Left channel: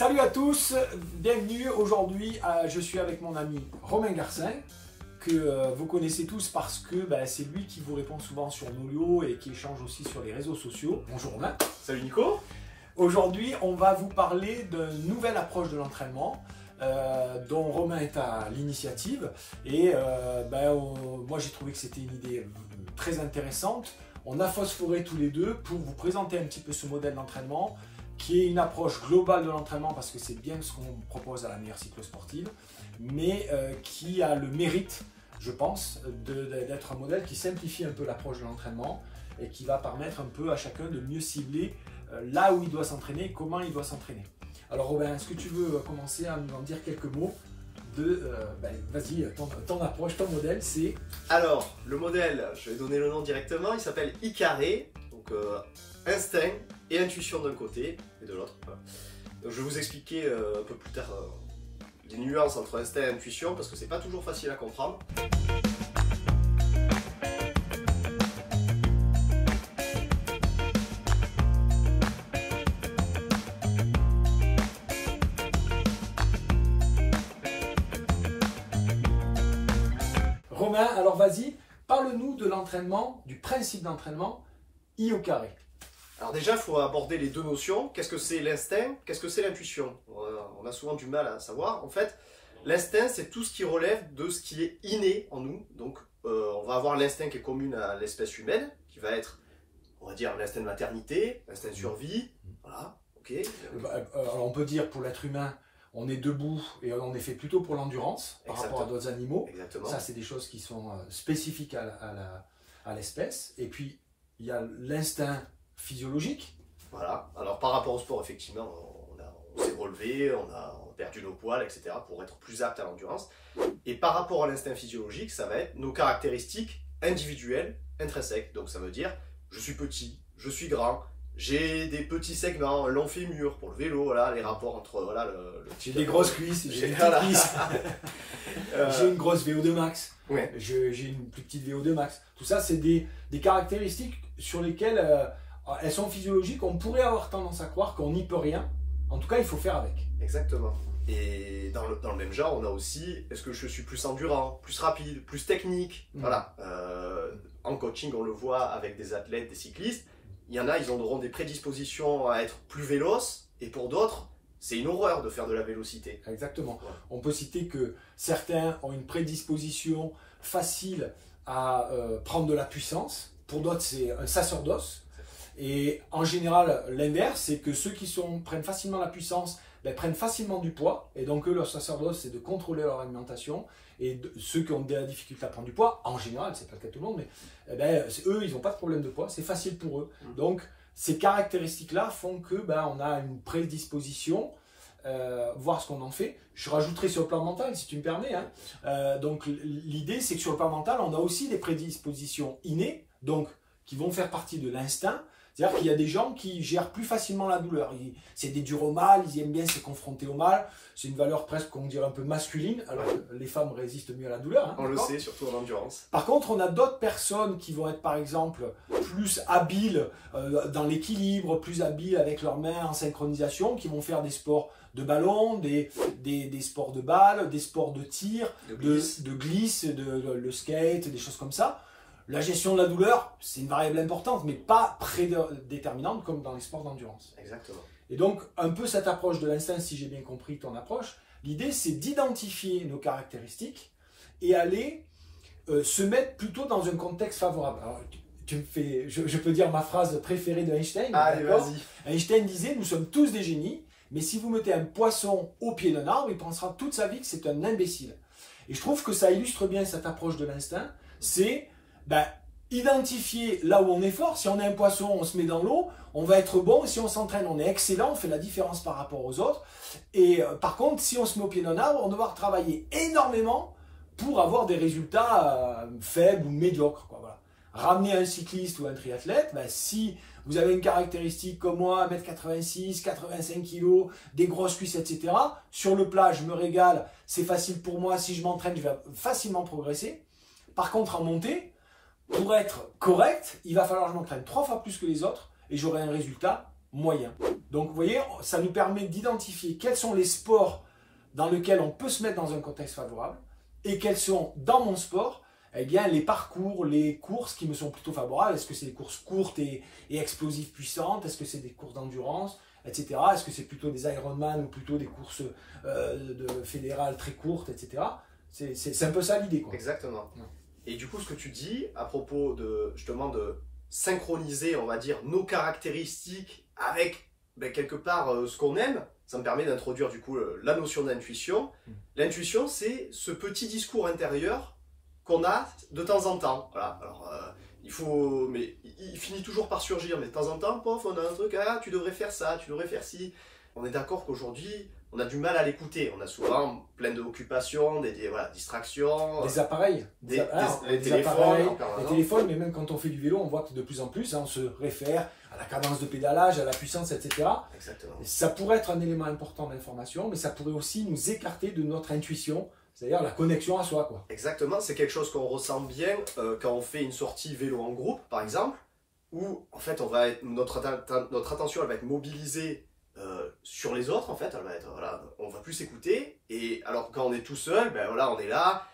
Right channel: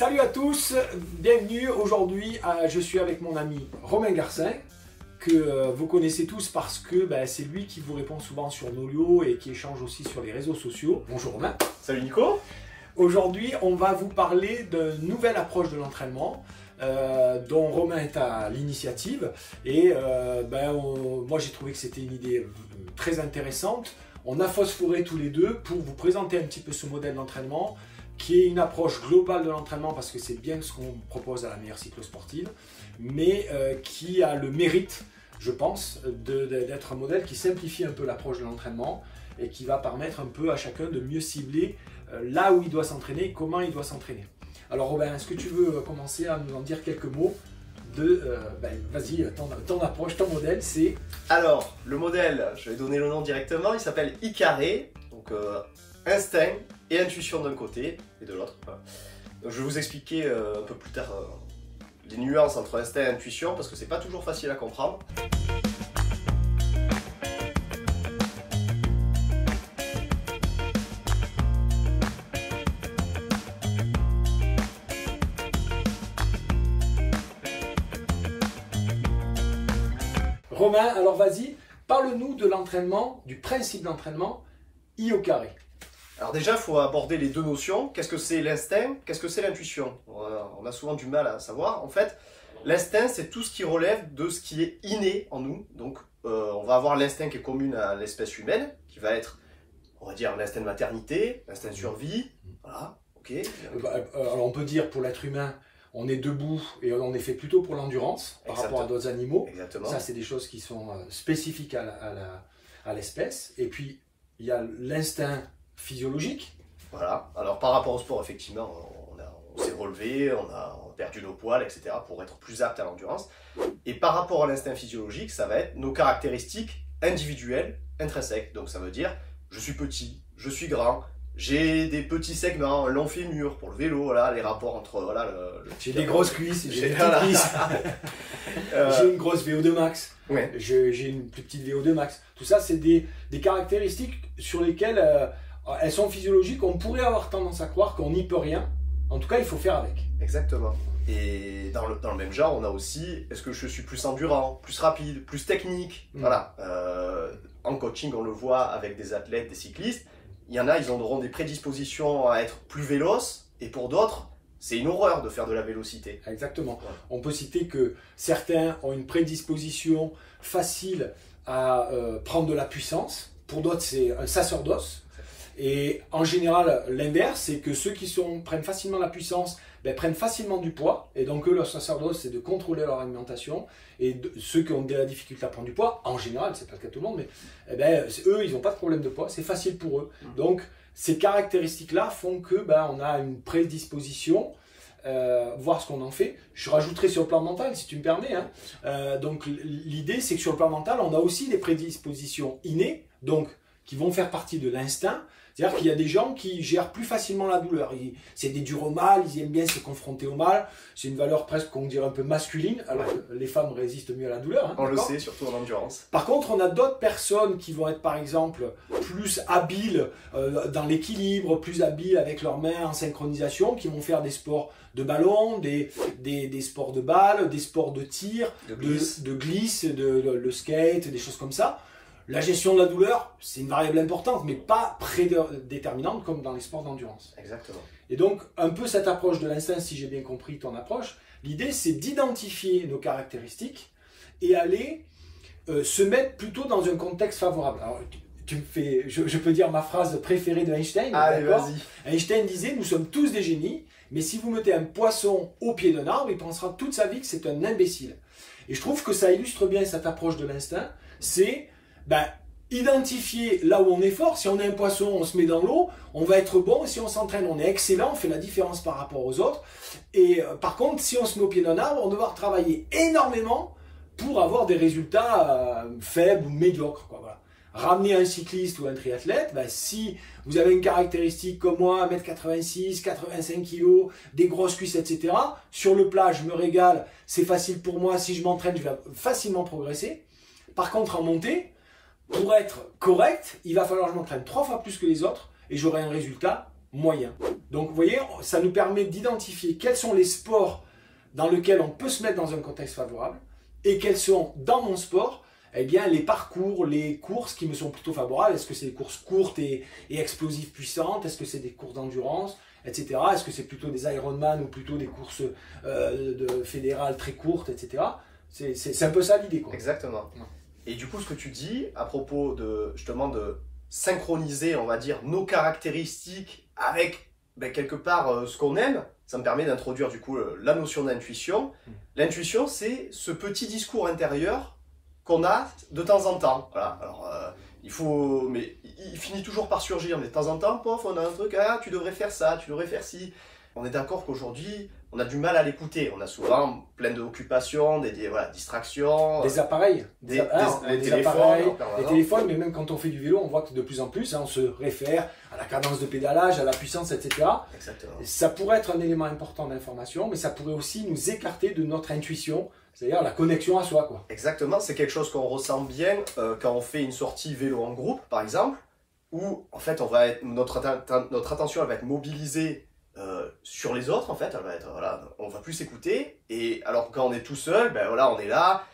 Salut à tous, bienvenue. Aujourd'hui, je suis avec mon ami Romain Garcin, que vous connaissez tous parce que c'est lui qui vous répond souvent sur Nolio et qui échange aussi sur les réseaux sociaux. Bonjour Romain. Salut Nico. Aujourd'hui, on va vous parler d'une nouvelle approche de l'entraînement dont Romain est à l'initiative. Et moi, j'ai trouvé que c'était une idée très intéressante. On a phosphoré tous les deux pour vous présenter un petit peu ce modèle d'entraînement qui est une approche globale de l'entraînement parce que c'est bien ce qu'on propose à la meilleure cyclosportive, mais qui a le mérite, je pense, d'être un modèle qui simplifie un peu l'approche de l'entraînement et qui va permettre un peu à chacun de mieux cibler là où il doit s'entraîner et comment il doit s'entraîner. Alors Robin, est-ce que tu veux commencer à nous en dire quelques mots de, vas-y, ton approche, ton modèle, c'est... Alors, le modèle, je vais donner le nom directement, il s'appelle I-carré, donc instinct et intuition d'un côté et de l'autre. Voilà. Donc, je vais vous expliquer un peu plus tard les nuances entre instinct et intuition parce que c'est pas toujours facile à comprendre. Romain, alors vas-y, parle-nous de l'entraînement, du principe d'entraînement I au carré. Alors déjà, il faut aborder les deux notions. Qu'est-ce que c'est l'instinct? Qu'est-ce que c'est l'intuition? On a souvent du mal à savoir. En fait, l'instinct, c'est tout ce qui relève de ce qui est inné en nous. Donc, on va avoir l'instinct qui est commun à l'espèce humaine, qui va être, on va dire, l'instinct de maternité, l'instinct de survie. Voilà, ok. Alors on peut dire pour l'être humain, on est debout et on est fait plutôt pour l'endurance par rapport à d'autres animaux. Exactement. Ça, c'est des choses qui sont spécifiques à l'espèce. Et puis, il y a l'instinct physiologique. Voilà. Alors, par rapport au sport, effectivement, on s'est relevé, on a perdu nos poils, etc. pour être plus apte à l'endurance. Et par rapport à l'instinct physiologique, ça va être nos caractéristiques individuelles, intrinsèques. Donc, ça veut dire, je suis petit, je suis grand, j'ai des petits segments, un long fémur pour le vélo, voilà, les rapports entre... Voilà, j'ai des grosses cuisses, j'ai des voilà. petites cuisses. J'ai une grosse VO2 max, ouais. J'ai une plus petite VO2 max. Tout ça, c'est des caractéristiques sur lesquelles elles sont physiologiques. On pourrait avoir tendance à croire qu'on n'y peut rien. En tout cas, il faut faire avec. Exactement. Et dans le même genre, on a aussi, est-ce que je suis plus endurant, plus rapide, plus technique? Voilà. En coaching, on le voit avec des athlètes, des cyclistes. Il y en a, ils auront des prédispositions à être plus véloces, et pour d'autres, c'est une horreur de faire de la vélocité. Exactement. Ouais. On peut citer que certains ont une prédisposition facile à prendre de la puissance. Pour d'autres, c'est un sacerdoce. Et en général, l'inverse, c'est que ceux qui prennent facilement la puissance prennent facilement du poids. Et donc, eux, leur sacerdoce, c'est de contrôler leur alimentation. Et ceux qui ont de la difficulté à prendre du poids, en général, c'est pas le cas de tout le monde, mais eux, ils n'ont pas de problème de poids. C'est facile pour eux. Donc, ces caractéristiques-là font que on a une prédisposition, voir ce qu'on en fait. Je rajouterai sur le plan mental, si tu me permets. Donc, l'idée, c'est que sur le plan mental, on a aussi des prédispositions innées, donc qui vont faire partie de l'instinct. C'est-à-dire qu'il y a des gens qui gèrent plus facilement la douleur. C'est des durs au mal, ils aiment bien se confronter au mal. C'est une valeur presque qu'on dirait un peu masculine, alors que les femmes résistent mieux à la douleur. On le sait, surtout en endurance. Par contre, on a d'autres personnes qui vont être par exemple plus habiles dans l'équilibre, plus habiles avec leurs mains en synchronisation, qui vont faire des sports de ballon, des sports de balle, des sports de tir, de glisse, le skate, des choses comme ça. La gestion de la douleur, c'est une variable importante, mais pas prédéterminante comme dans les sports d'endurance. Exactement. Et donc, un peu cette approche de l'instinct, si j'ai bien compris ton approche, l'idée c'est d'identifier nos caractéristiques et aller se mettre plutôt dans un contexte favorable. Alors, tu me fais, je peux dire ma phrase préférée de Einstein. Allez, vas-y. Einstein disait, nous sommes tous des génies, mais si vous mettez un poisson au pied d'un arbre, il pensera toute sa vie que c'est un imbécile. Et je trouve que ça illustre bien cette approche de l'instinct, c'est identifier là où on est fort. Si on est un poisson, on se met dans l'eau, on va être bon. Et si on s'entraîne, on est excellent, on fait la différence par rapport aux autres. Et par contre, si on se met au pied d'un arbre, on va devoir travailler énormément pour avoir des résultats faibles ou médiocres. Voilà. Ramener un cycliste ou un triathlète, si vous avez une caractéristique comme moi, 1m86, 85 kg, des grosses cuisses, etc. Sur le plat, je me régale, c'est facile pour moi. Si je m'entraîne, je vais facilement progresser. Par contre, en montée, pour être correct, il va falloir que je m'entraîne 3 fois plus que les autres et j'aurai un résultat moyen. Donc vous voyez, ça nous permet d'identifier quels sont les sports dans lesquels on peut se mettre dans un contexte favorable et quels sont, dans mon sport, eh bien, les parcours, les courses qui me sont plutôt favorables. Est-ce que c'est des courses courtes et explosives puissantes? Est-ce que c'est des courses d'endurance, etc. Est-ce que c'est plutôt des Ironman ou plutôt des courses fédérales très courtes, etc. C'est un peu ça l'idée, quoi. Exactement. Et du coup, ce que tu dis à propos de, justement, de synchroniser, on va dire, nos caractéristiques avec quelque part ce qu'on aime, ça me permet d'introduire du coup la notion d'intuition. L'intuition, c'est ce petit discours intérieur qu'on a de temps en temps. Voilà. Alors, mais il finit toujours par surgir, mais de temps en temps, pof, on a un truc, ah, tu devrais faire ça, tu devrais faire ci. On est d'accord qu'aujourd'hui, on a du mal à l'écouter. On a souvent plein d'occupations, voilà, distractions. Des appareils. Les téléphones, mais même quand on fait du vélo, on voit que de plus en plus, on se réfère à la cadence de pédalage, à la puissance, etc. Exactement. Ça pourrait être un élément important d'information, mais ça pourrait aussi nous écarter de notre intuition, c'est-à-dire la connexion à soi, quoi. Exactement, c'est quelque chose qu'on ressent bien quand on fait une sortie vélo en groupe, par exemple, où en fait notre attention elle va être mobilisée sur les autres, en fait, voilà, on va plus s'écouter, et alors quand on est tout seul, ben voilà, on est là,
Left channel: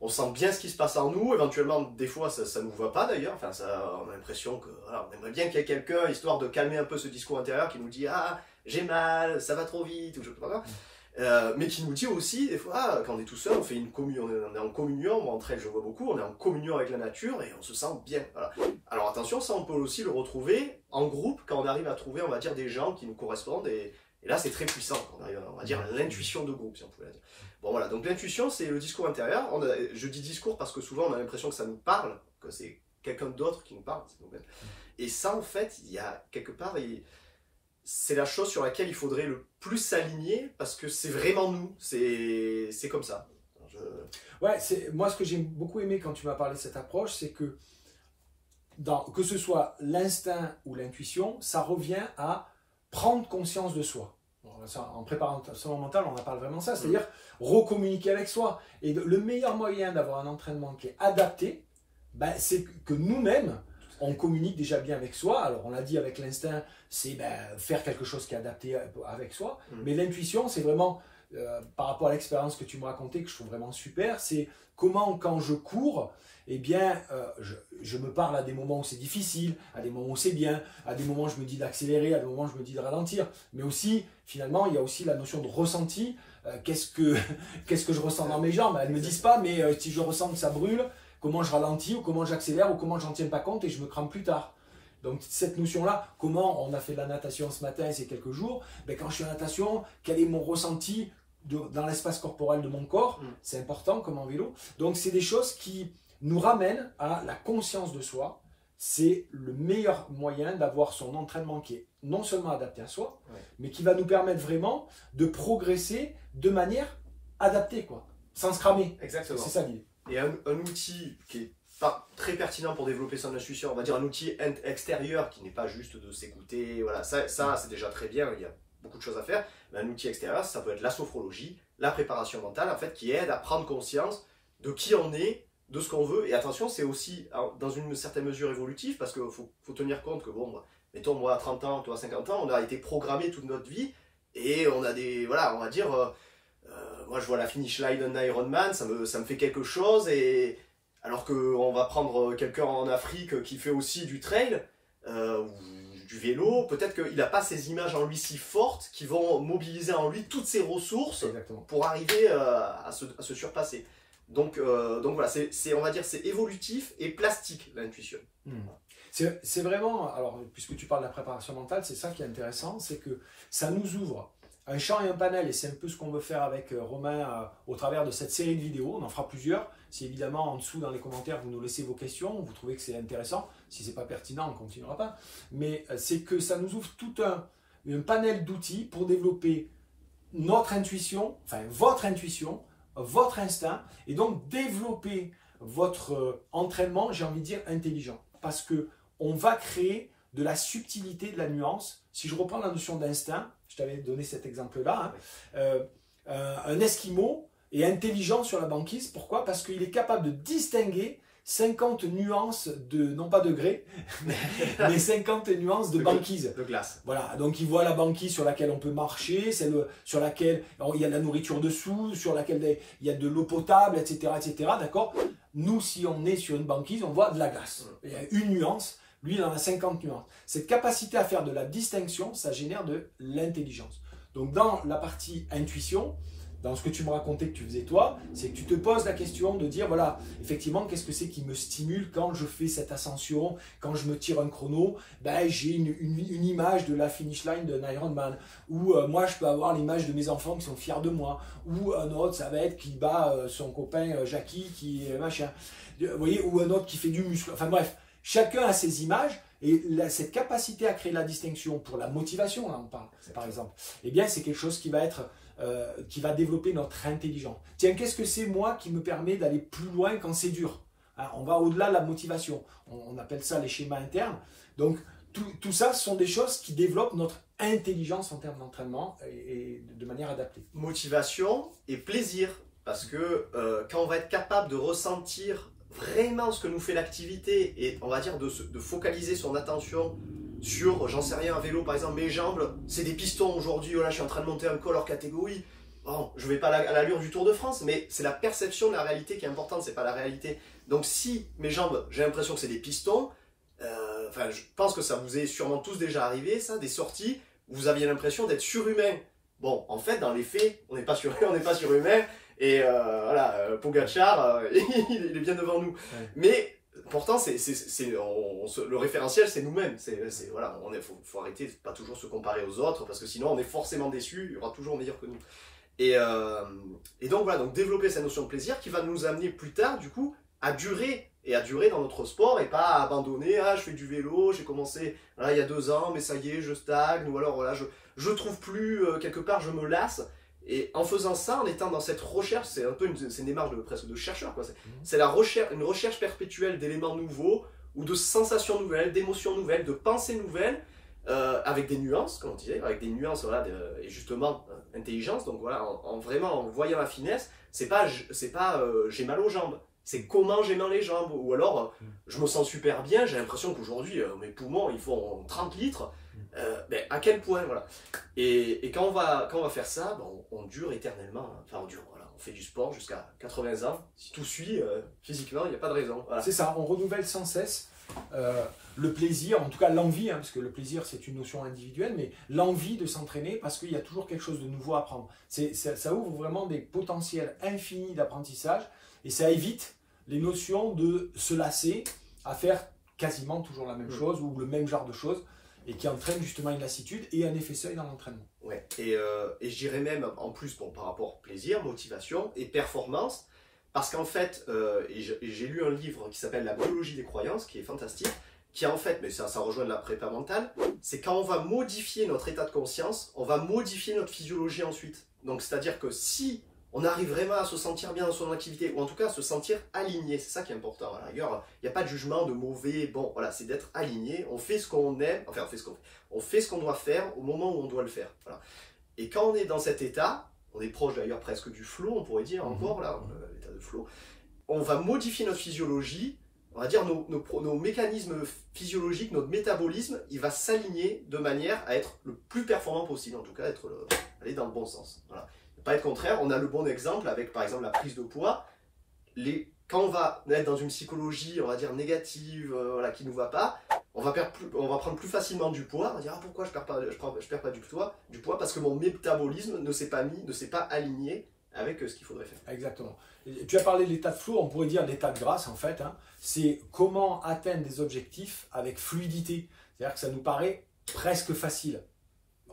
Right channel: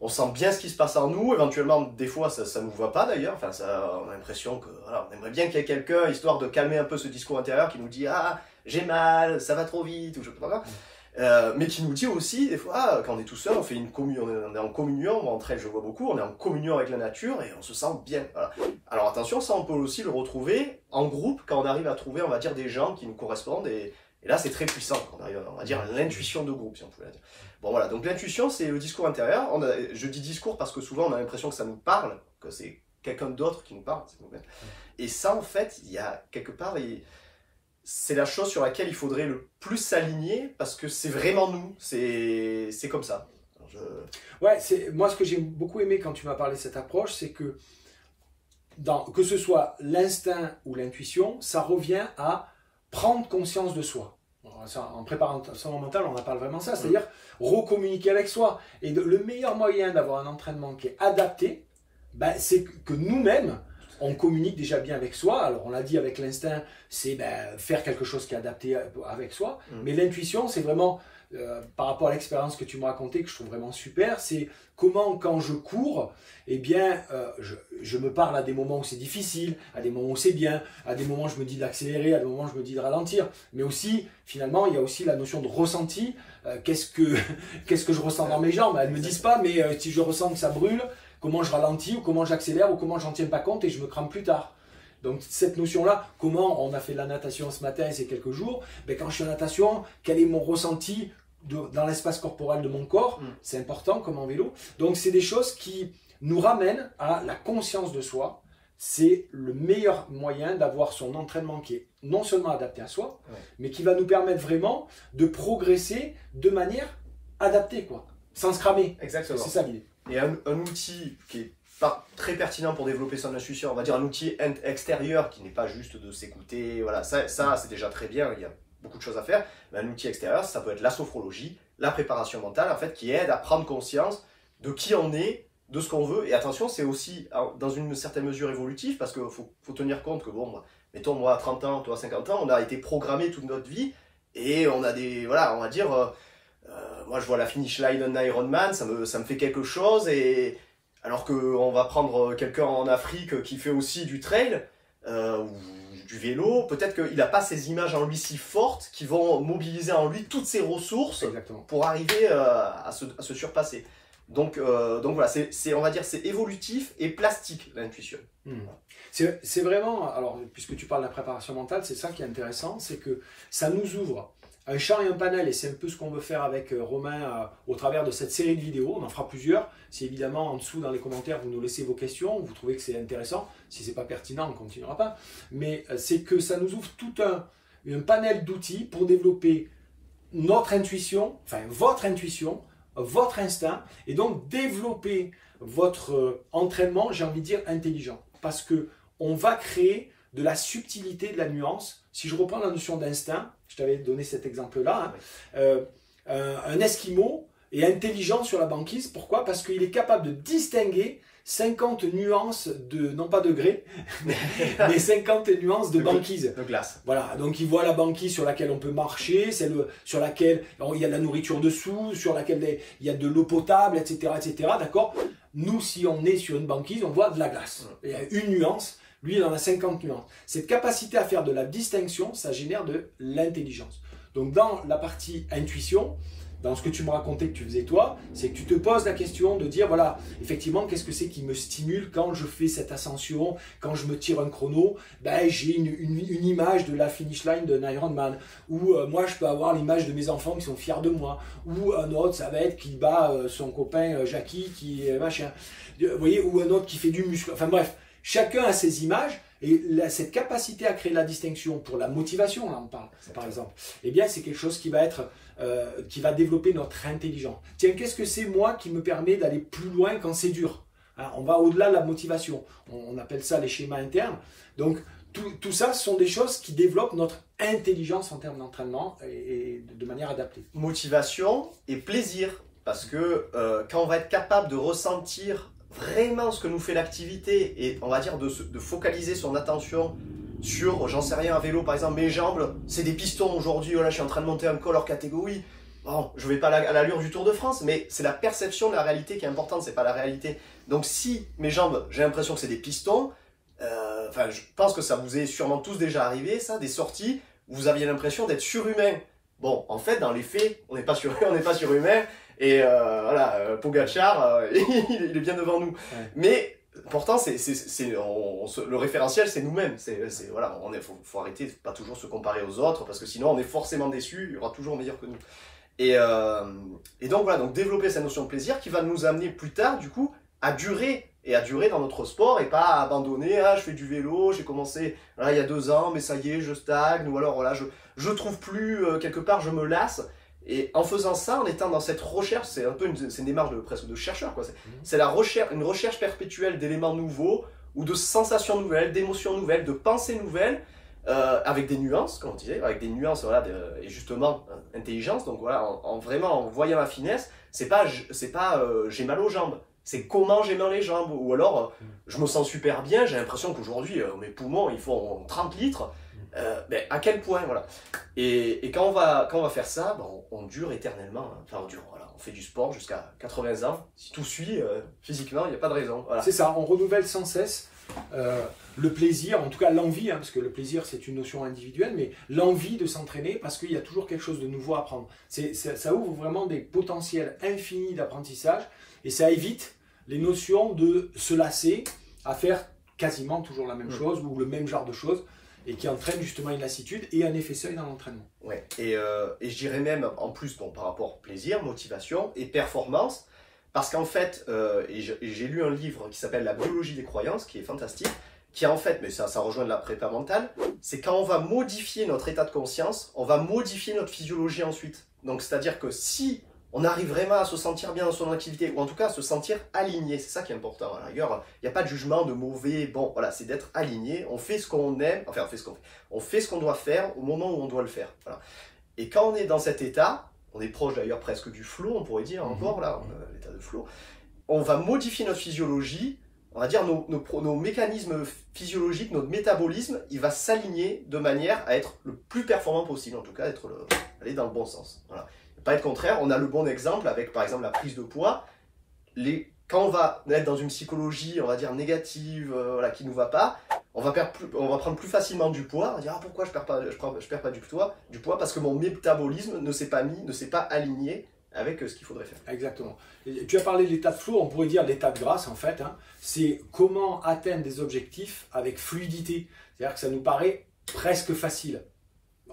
on sent bien ce qui se passe en nous, éventuellement des fois ça nous va pas d'ailleurs, enfin on a l'impression que voilà, on aimerait bien qu'il y ait quelqu'un, histoire de calmer un peu ce discours intérieur qui nous dit ah j'ai mal, ça va trop vite, ou je sais pas quoi. Mais qui nous dit aussi, des fois, quand on est tout seul, on fait une communion, on est en communion, moi entre elles je vois beaucoup, on est en communion avec la nature et on se sent bien. Voilà. Alors attention, ça on peut aussi le retrouver en groupe quand on arrive à trouver, on va dire, des gens qui nous correspondent et là c'est très puissant, quand on arrive, on va dire, à l'intuition de groupe, si on peut la dire. Bon voilà, donc l'intuition c'est le discours intérieur. Je dis discours parce que souvent on a l'impression que ça nous parle, que c'est quelqu'un d'autre qui nous parle. Et ça en fait, il y a quelque part... c'est la chose sur laquelle il faudrait le plus s'aligner parce que c'est vraiment nous, c'est comme ça. Ouais, moi ce que j'ai beaucoup aimé quand tu m'as parlé de cette approche, c'est que que ce soit l'instinct ou l'intuition, ça revient à prendre conscience de soi. En préparation mentale, on en parle vraiment ça, c'est-à-dire recommuniquer avec soi. Et le meilleur moyen d'avoir un entraînement qui est adapté, c'est que nous-mêmes, on communique déjà bien avec soi. Alors on l'a dit avec l'instinct, c'est faire quelque chose qui est adapté avec soi. Mais l'intuition, c'est vraiment, par rapport à l'expérience que tu m'as racontée, que je trouve vraiment super, c'est comment quand je cours, eh bien, je me parle à des moments où c'est difficile, à des moments où c'est bien, à des moments où je me dis d'accélérer, à des moments où je me dis de ralentir. Mais aussi, finalement, il y a aussi la notion de ressenti. Qu'est-ce que je ressens dans mes jambes? Elles ne me disent pas, mais si je ressens que ça brûle, comment je ralentis ou comment j'accélère ou comment j'en tiens pas compte et je me crame plus tard. Donc cette notion-là, comment on a fait de la natation ce matin et ces quelques jours, quand je suis en natation, quel est mon ressenti dans l'espace corporel de mon corps? C'est important comme en vélo. Donc c'est des choses qui nous ramènent à la conscience de soi. C'est le meilleur moyen d'avoir son entraînement qui est non seulement adapté à soi, mais qui va nous permettre vraiment de progresser de manière adaptée, quoi, sans se cramer. Exactement. C'est ça l'idée. Et un outil qui est pas très pertinent pour développer son intuition, on va dire un outil extérieur qui n'est pas juste de s'écouter, voilà, ça c'est déjà très bien, il y a beaucoup de choses à faire, mais un outil extérieur, ça peut être la sophrologie, la préparation mentale, en fait, qui aide à prendre conscience de qui on est, de ce qu'on veut, et attention, c'est aussi dans une certaine mesure évolutive, parce qu'il faut tenir compte que, bon, mettons, moi à 30 ans, toi à 50 ans, on a été programmé toute notre vie, et on a des, voilà, on va dire... moi je vois la finish line d'un Ironman, ça me fait quelque chose, et alors qu'on va prendre quelqu'un en Afrique qui fait aussi du trail ou du vélo, peut-être qu'il n'a pas ces images en lui si fortes qui vont mobiliser en lui toutes ses ressources pour arriver à se surpasser. Donc voilà, on va dire c'est évolutif et plastique l'intuition. C'est vraiment, alors puisque tu parles de la préparation mentale, c'est ça qui est intéressant, c'est que ça nous ouvre un champ et un panel, et c'est un peu ce qu'on veut faire avec Romain au travers de cette série de vidéos. On en fera plusieurs. Si évidemment en dessous dans les commentaires vous nous laissez vos questions, vous trouvez que c'est intéressant, si c'est pas pertinent on ne continuera pas. Mais c'est que ça nous ouvre tout un panel d'outils pour développer notre intuition, enfin votre intuition, votre instinct, et donc développer votre entraînement, j'ai envie de dire intelligent. Parce que on va créer de la subtilité, de la nuance. Si je reprends la notion d'instinct, je t'avais donné cet exemple-là, un Esquimau est intelligent sur la banquise. Pourquoi? Parce qu'il est capable de distinguer 50 nuances de, non pas degrés, mais 50 nuances de banquise. De glace. Voilà, donc il voit la banquise sur laquelle on peut marcher, celle sur laquelle il y a de la nourriture dessous, sur laquelle il y a de l'eau potable, etc. etc. D'accord? Nous, si on est sur une banquise, on voit de la glace. Il y a une nuance, lui, il en a 50 nuances. Cette capacité à faire de la distinction, ça génère de l'intelligence. Donc dans la partie intuition, dans ce que tu me racontais que tu faisais toi, c'est que tu te poses la question de dire, voilà, effectivement, qu'est-ce que c'est qui me stimule quand je fais cette ascension, quand je me tire un chrono, ben, j'ai une image de la finish line d'un Ironman, ou moi je peux avoir l'image de mes enfants qui sont fiers de moi, ou un autre, ça va être qui bat son copain Jackie, qui machin, vous voyez, ou un autre qui fait du muscle, enfin bref, chacun a ses images, et cette capacité à créer la distinction pour la motivation, là on parle, par exemple, eh bien c'est quelque chose qui va être qui va développer notre intelligence. Tiens, qu'est-ce que c'est moi qui me permet d'aller plus loin quand c'est dur? Hein, on va au-delà de la motivation. On appelle ça les schémas internes. Donc, tout ça sont des choses qui développent notre intelligence en termes d'entraînement et de manière adaptée. Motivation et plaisir. Parce que quand on va être capable de ressentir vraiment ce que nous fait l'activité et on va dire de focaliser son attention sur, j'en sais rien, un vélo par exemple, mes jambes, c'est des pistons aujourd'hui, voilà, je suis en train de monter un col hors catégorie. Bon, je vais pas à l'allure du Tour de France, mais c'est la perception de la réalité qui est importante, c'est pas la réalité. Donc si mes jambes, j'ai l'impression que c'est des pistons, enfin, je pense que ça vous est sûrement tous déjà arrivé, ça, des sorties où vous aviez l'impression d'être surhumain. Bon, en fait, dans les faits, on n'est pas surhumain, et voilà, Pogacar, il est bien devant nous. Ouais. Mais pourtant, le référentiel, c'est nous-mêmes. Voilà, faut arrêter de pas toujours se comparer aux autres, parce que sinon, on est forcément déçu. Il y aura toujours meilleur que nous. Et donc voilà, donc développer cette notion de plaisir qui va nous amener plus tard, du coup, à durer dans notre sport et pas à abandonner. Ah, je fais du vélo, j'ai commencé voilà, il y a 2 ans, mais ça y est, je stagne, ou alors voilà, je trouve plus quelque part, je me lasse. Et en faisant ça, en étant dans cette recherche, c'est un peu une démarche presque de chercheur, quoi. C'est une recherche perpétuelle d'éléments nouveaux, ou de sensations nouvelles, d'émotions nouvelles, de pensées nouvelles, avec des nuances, comme on disait, avec des nuances, voilà, et justement, intelligence. Donc voilà, vraiment, en voyant la finesse, c'est pas j'ai mal aux jambes, c'est comment j'ai mal les jambes, ou alors je me sens super bien, j'ai l'impression qu'aujourd'hui, mes poumons, ils font 30 litres. Mais à quel point, voilà. Et quand on va faire ça, ben on dure éternellement. Hein. Enfin, voilà, on fait du sport jusqu'à 80 ans. Si tout suit, physiquement, il n'y a pas de raison. Voilà. C'est ça, on renouvelle sans cesse le plaisir, en tout cas l'envie, hein, parce que le plaisir c'est une notion individuelle, mais l'envie de s'entraîner parce qu'il y a toujours quelque chose de nouveau à apprendre. Ça ouvre vraiment des potentiels infinis d'apprentissage et ça évite les notions de se lasser à faire quasiment toujours la même chose ou le même genre de choses. Et qui entraîne justement une lassitude et un effet seuil dans l'entraînement. Ouais. Et je dirais même en plus bon, par rapport plaisir, motivation et performance, parce qu'en fait, j'ai lu un livre qui s'appelle La biologie des croyances, qui est fantastique, qui en fait, mais ça rejoint de la prépa mentale, c'est quand on va modifier notre état de conscience, on va modifier notre physiologie ensuite. Donc c'est-à-dire que si on arrive vraiment à se sentir bien dans son activité, ou en tout cas à se sentir aligné, c'est ça qui est important. À la rigueur, il n'y a pas de jugement de mauvais, bon, voilà, c'est d'être aligné, on fait ce qu'on aime, enfin on fait ce qu'on doit faire au moment où on doit le faire. Voilà. Et quand on est dans cet état, on est proche d'ailleurs presque du flow, on pourrait dire encore, là, l'état de flow, on va modifier notre physiologie, on va dire nos mécanismes physiologiques, notre métabolisme, il va s'aligner de manière à être le plus performant possible, en tout cas aller dans le bon sens. Voilà. Pas être contraire, on a le bon exemple avec par exemple la prise de poids. Quand on va être dans une psychologie, on va dire négative, voilà, qui ne nous va pas, on va prendre plus facilement du poids. On va dire ah, pourquoi je perds pas du poids parce que mon métabolisme ne s'est pas aligné avec ce qu'il faudrait faire. Exactement. Et tu as parlé de l'état de flow, on pourrait dire l'état de grâce en fait. Hein. C'est comment atteindre des objectifs avec fluidité. C'est-à-dire que ça nous paraît presque facile.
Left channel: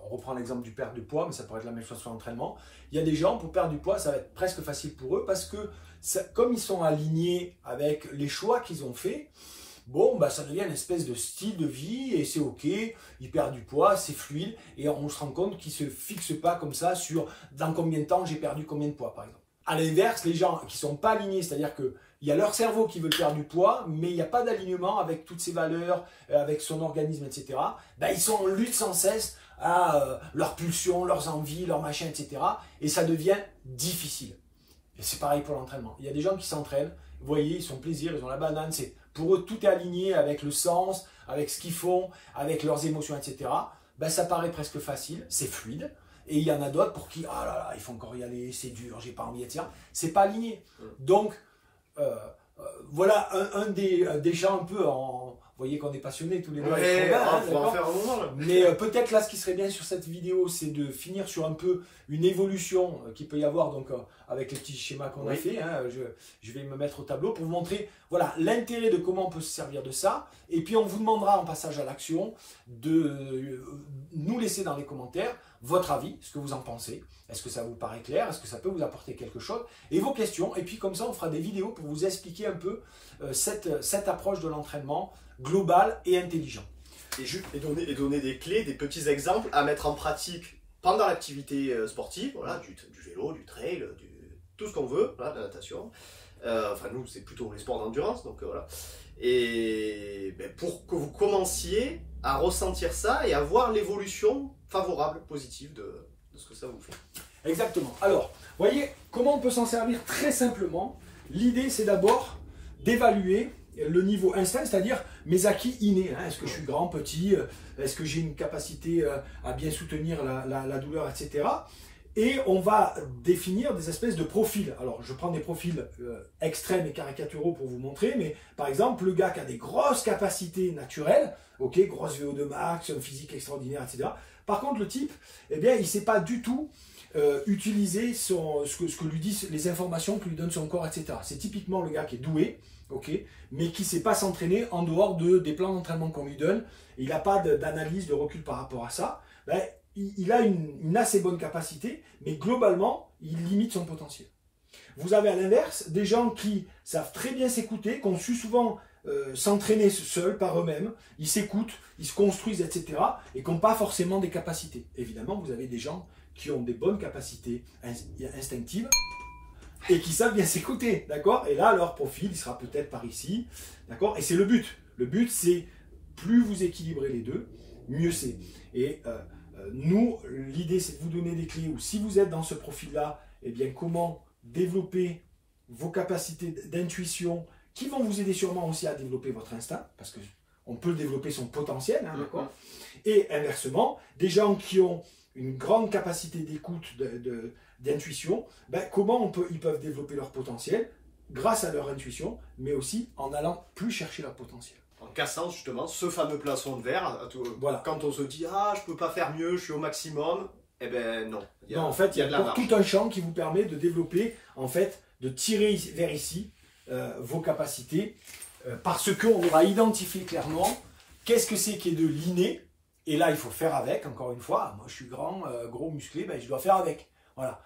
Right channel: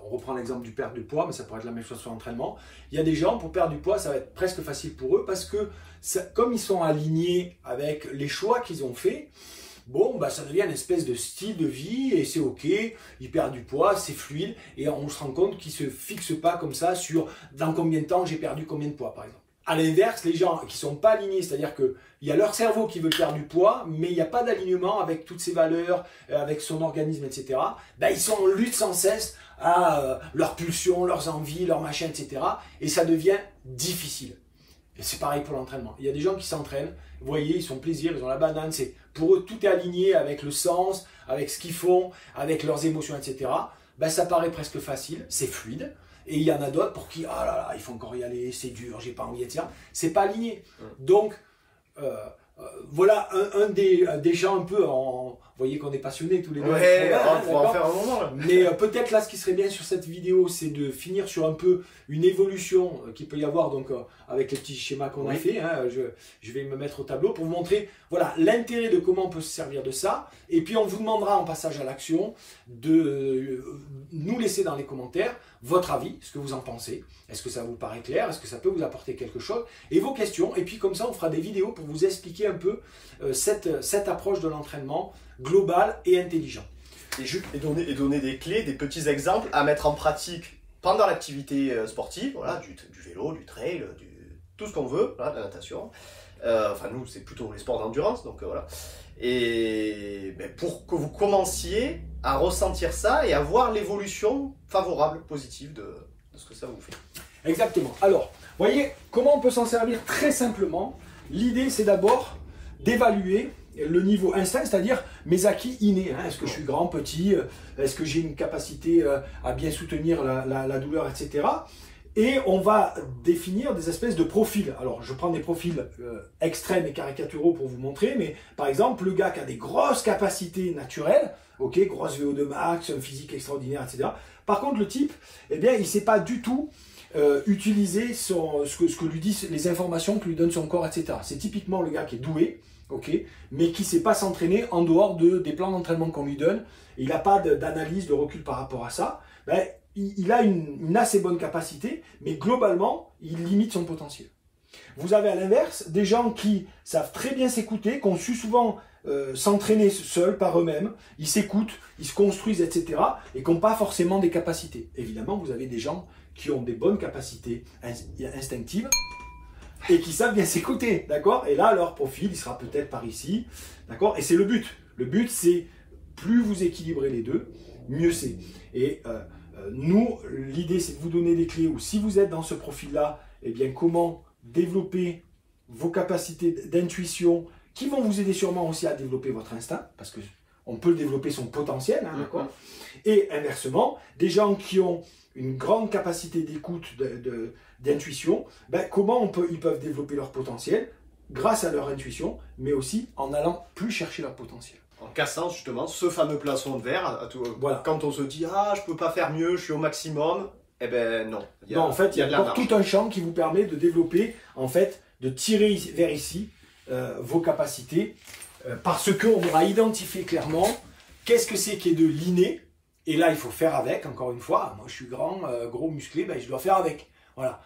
On reprend l'exemple du perte de poids, mais ça pourrait être la même chose sur l'entraînement. Il y a des gens, pour perdre du poids, ça va être presque facile pour eux parce que comme ils sont alignés avec les choix qu'ils ont faits, bon, bah, ça devient une espèce de style de vie et c'est ok, ils perdent du poids, c'est fluide et on se rend compte qu'ils ne se fixent pas comme ça sur dans combien de temps j'ai perdu combien de poids par exemple. À l'inverse, les gens qui ne sont pas alignés, c'est-à-dire qu'il y a leur cerveau qui veut perdre du poids, mais il n'y a pas d'alignement avec toutes ses valeurs, avec son organisme, etc. Ben, ils sont en lutte sans cesse à leurs pulsions, leurs envies, leurs machins, etc. Et ça devient difficile. Et c'est pareil pour l'entraînement. Il y a des gens qui s'entraînent, vous voyez, ils sont plaisir, ils ont la banane, pour eux tout est aligné avec le sens, avec ce qu'ils font, avec leurs émotions, etc. Ben, ça paraît presque facile, c'est fluide. Et il y en a d'autres pour qui, oh là là, il faut encore y aller, c'est dur, j'ai pas envie, etc. C'est pas aligné. Donc, voilà un des gens un peu en... Vous voyez qu'on est passionnés tous les deux. Ouais, on va en faire un moment là. Mais peut-être là, ce qui serait bien sur cette vidéo, c'est de finir sur un peu une évolution qu'il peut y avoir donc avec les petits schémas qu'on a fait. Hein, je vais me mettre au tableau pour vous montrer voilà l'intérêt de comment on peut se servir de ça. Et puis on vous demandera en passage à l'action de nous laisser dans les commentaires votre avis, ce que vous en pensez. Est-ce que ça vous paraît clair? Est-ce que ça peut vous apporter quelque chose? Et vos questions. Et puis comme ça, on fera des vidéos pour vous expliquer un peu cette approche de l'entraînement global et intelligent. Et donner des clés, des petits exemples à mettre en pratique pendant l'activité sportive, voilà, du vélo, du trail, tout ce qu'on veut, voilà, de la natation. Enfin, nous, c'est plutôt les sports d'endurance, donc voilà. Et ben, pour que vous commenciez à ressentir ça et à voir l'évolution favorable, positive de ce que ça vous fait. Exactement. Alors, voyez comment on peut s'en servir très simplement. L'idée, c'est d'abord d'évaluer le niveau instinct, c'est-à-dire mes acquis innés. Hein. Est-ce que je suis grand, petit? Est-ce que j'ai une capacité à bien soutenir la douleur, etc. Et on va définir des espèces de profils. Alors, je prends des profils extrêmes et caricaturaux pour vous montrer, mais par exemple, le gars qui a des grosses capacités naturelles, ok, grosse VO2 max, un physique extraordinaire, etc. Par contre, le type, eh bien, il ne sait pas du tout utiliser ce que lui disent les informations que lui donne son corps, etc. C'est typiquement le gars qui est doué, okay, mais qui ne sait pas s'entraîner en dehors des plans d'entraînement qu'on lui donne. Il n'a pas d'analyse, de recul par rapport à ça. Ben, il a une assez bonne capacité, mais globalement, il limite son potentiel. Vous avez à l'inverse des gens qui savent très bien s'écouter, qui ont su souvent s'entraîner seuls par eux-mêmes, ils s'écoutent, ils se construisent, etc. et qui n'ont pas forcément des capacités. Évidemment, vous avez des gens qui ont des bonnes capacités instinctives, et qui savent bien s'écouter, d'accord? Et là, leur profil, il sera peut-être par ici, d'accord? Et c'est le but. Le but, c'est plus vous équilibrez les deux, mieux c'est. Et nous, l'idée, c'est de vous donner des clés où si vous êtes dans ce profil-là, eh bien, comment développer vos capacités d'intuition qui vont vous aider sûrement aussi à développer votre instinct, parce qu'on peut développer son potentiel, hein, d'accord? Et inversement, des gens qui ont une grande capacité d'écoute, d'intuition, ben, comment ils peuvent développer leur potentiel grâce à leur intuition, mais aussi en allant plus chercher leur potentiel. En cassant justement ce fameux plafond de verre, voilà. Quand on se dit « Ah, je ne peux pas faire mieux, je suis au maximum », eh bien non. Non, en fait, il y a encore tout un champ qui vous permet de développer, en fait, de tirer vers ici vos capacités, parce qu'on aura identifié clairement qu'est-ce que c'est qui est de l'inné, et là, il faut faire avec, encore une fois. Moi, je suis grand, gros, musclé, ben, je dois faire avec. Voilà.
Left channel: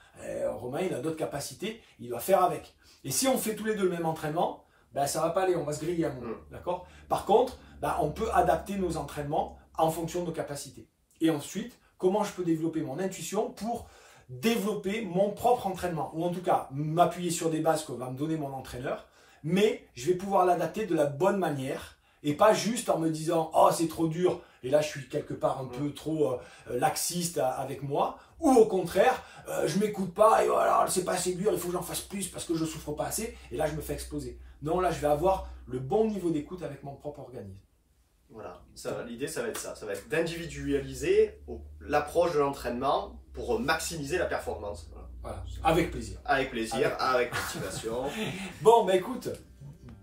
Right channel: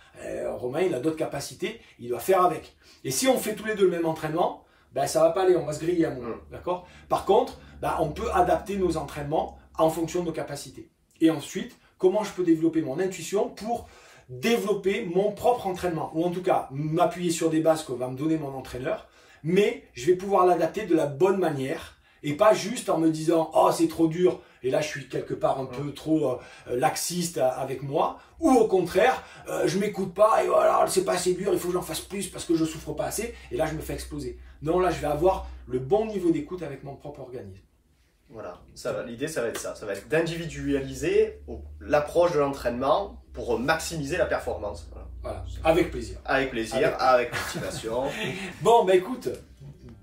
Romain, il a d'autres capacités, il doit faire avec. Et si on fait tous les deux le même entraînement, ben, ça ne va pas aller, on va se griller à un moment. D'accord? Par contre, ben, on peut adapter nos entraînements en fonction de nos capacités. Et ensuite, comment je peux développer mon intuition pour développer mon propre entraînement, ou en tout cas m'appuyer sur des bases que va me donner mon entraîneur, mais je vais pouvoir l'adapter de la bonne manière et pas juste en me disant « Oh, c'est trop dur » et là je suis quelque part un peu trop laxiste avec moi, ou au contraire, je m'écoute pas et voilà, c'est pas assez dur, il faut que j'en fasse plus parce que je souffre pas assez et là je me fais exploser. Non, là je vais avoir le bon niveau d'écoute avec mon propre organisme. Voilà, l'idée ça va être ça, ça va être d'individualiser l'approche de l'entraînement pour maximiser la performance. Voilà, avec plaisir. Avec plaisir, avec motivation. Bon, bah écoute,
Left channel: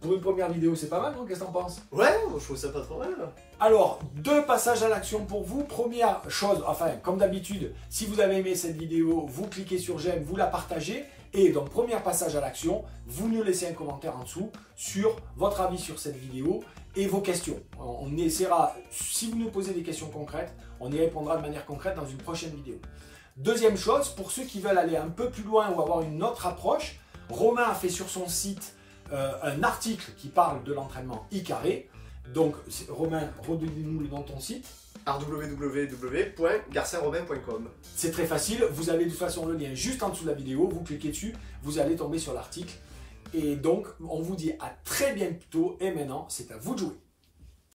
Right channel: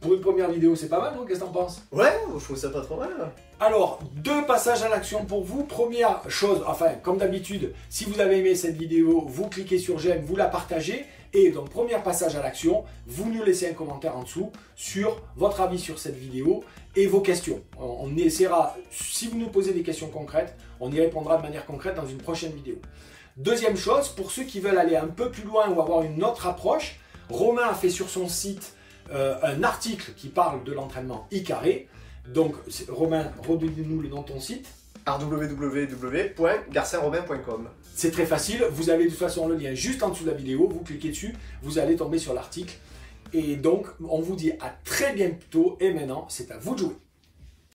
pour une première vidéo, c'est pas mal, non? Qu'est-ce que t'en penses? Ouais, je trouve ça pas trop mal. Alors, 2 passages à l'action pour vous. Première chose, enfin, comme d'habitude, si vous avez aimé cette vidéo, vous cliquez sur j'aime, vous la partagez. Et donc, premier passage à l'action, vous nous laissez un commentaire en dessous sur votre avis sur cette vidéo et vos questions. On essaiera, si vous nous posez des questions concrètes, on y répondra de manière concrète dans une prochaine vidéo. Deuxième chose, pour ceux qui veulent aller un peu plus loin ou avoir une autre approche, Romain a fait sur son site un article qui parle de l'entraînement I-carré. Donc, Romain, redonnez-nous le nom de ton site. www.garcinromain.com. C'est très facile, vous avez de toute façon le lien juste en dessous de la vidéo, vous cliquez dessus, vous allez tomber sur l'article. Et donc, on vous dit à très bientôt et maintenant, c'est à vous de jouer.